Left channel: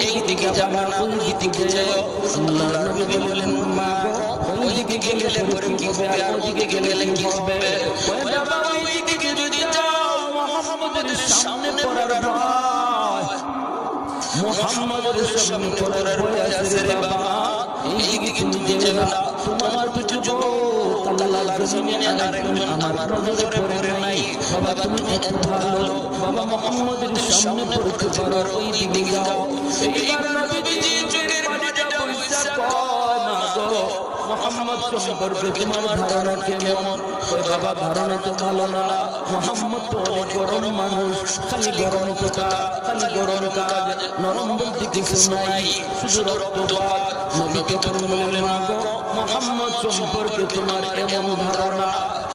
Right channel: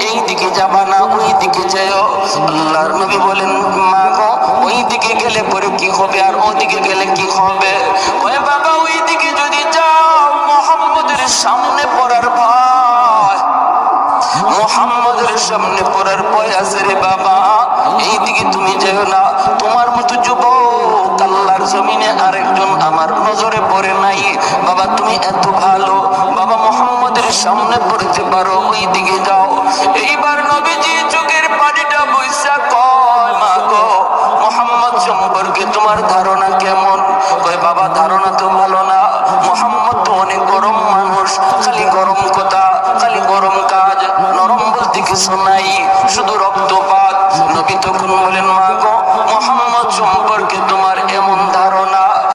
এই দিকে ওই দিকে দিকে দিকে যদি যাও সামনে পড়ার ভয়। সামনে ভয় আছে রে বাবা। এইদিকে তুমি যেও না। তোমার মতো যুবক জমিনে আরেকজন আমার নজরে পড়ে নাই। বাবা, তুমি এত ভালো। বাবা, মোহাম্মদের সামনে পড়তে পারো ওই দিকে যাও। এইবার নবীজি চোখের পানিটা বৈশা কয় মা গো। মোহাম্মদ সম্পর্কে তোমার ধারণা কেমন? কয়, বাবা, ধারণা তো ভালো না। মোহাম্মদ তো অনেক গরম মানুষ, খালি গরম কথা, খালি গরম কাজ, নরম বলতে কিছু নাই, শুধু রক্তপাত। নবী তখন বলেন, মা গো, মোহাম্মদ সম্পর্কে তোমার এমন